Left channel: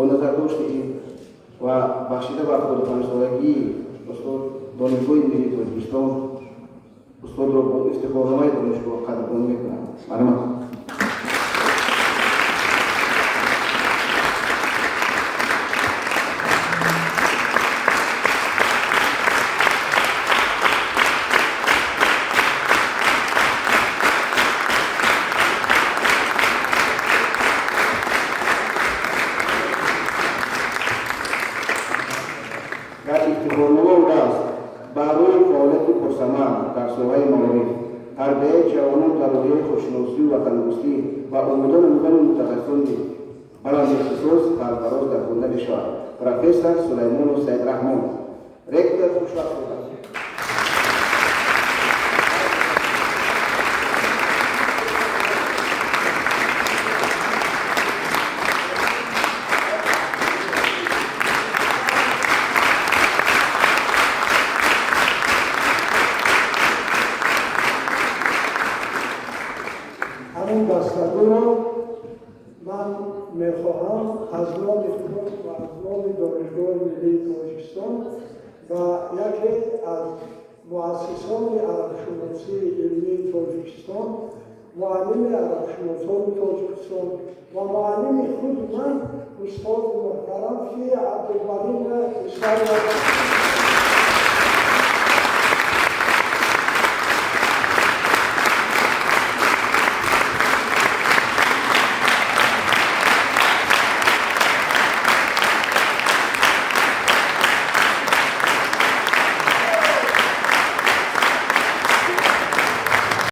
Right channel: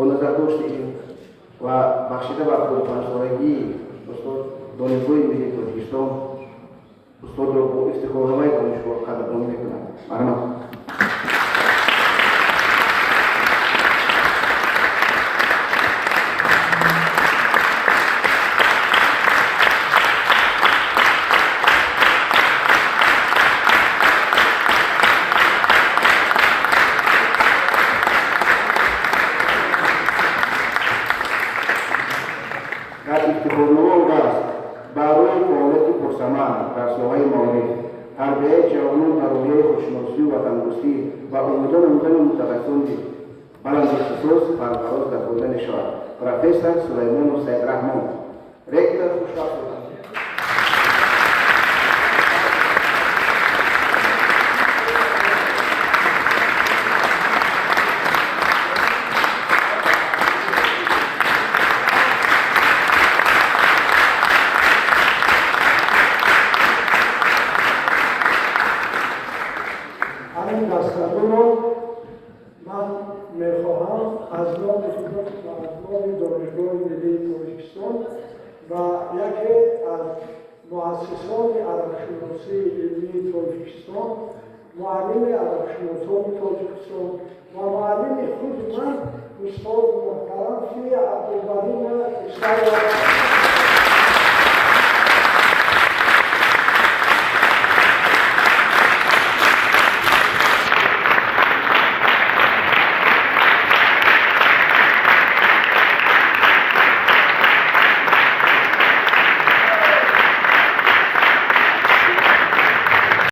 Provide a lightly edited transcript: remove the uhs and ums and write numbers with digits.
با نظر داشتیم و بخشیده بر 45 سالگی استاد دانشگاه ملی تاجیکستان استاد را با افتخارنامه دانشگاه قدردانی میکنم. مرحبا. افتخارنامه است برای فعالیت پرثمر در ساحه معارف، تربیت جوانان در راهی خودشناسی و تندرستی و آموزان متخصصان بلند اختصاص سرفراز در خوندن شعر پروفسور سلیمان سیدرحمان رکتور خوشبخت بودند. همین دستگاه رو من میخواهم از نام خدمت و از نام دانشگاه ملی تاجیکستان و یکی از مؤسسان عربشناسی علمی تاجیکستان، معلم عربشناسان تاجیکستان و معلم خود من استاد محترم فی عبدالبدین کشور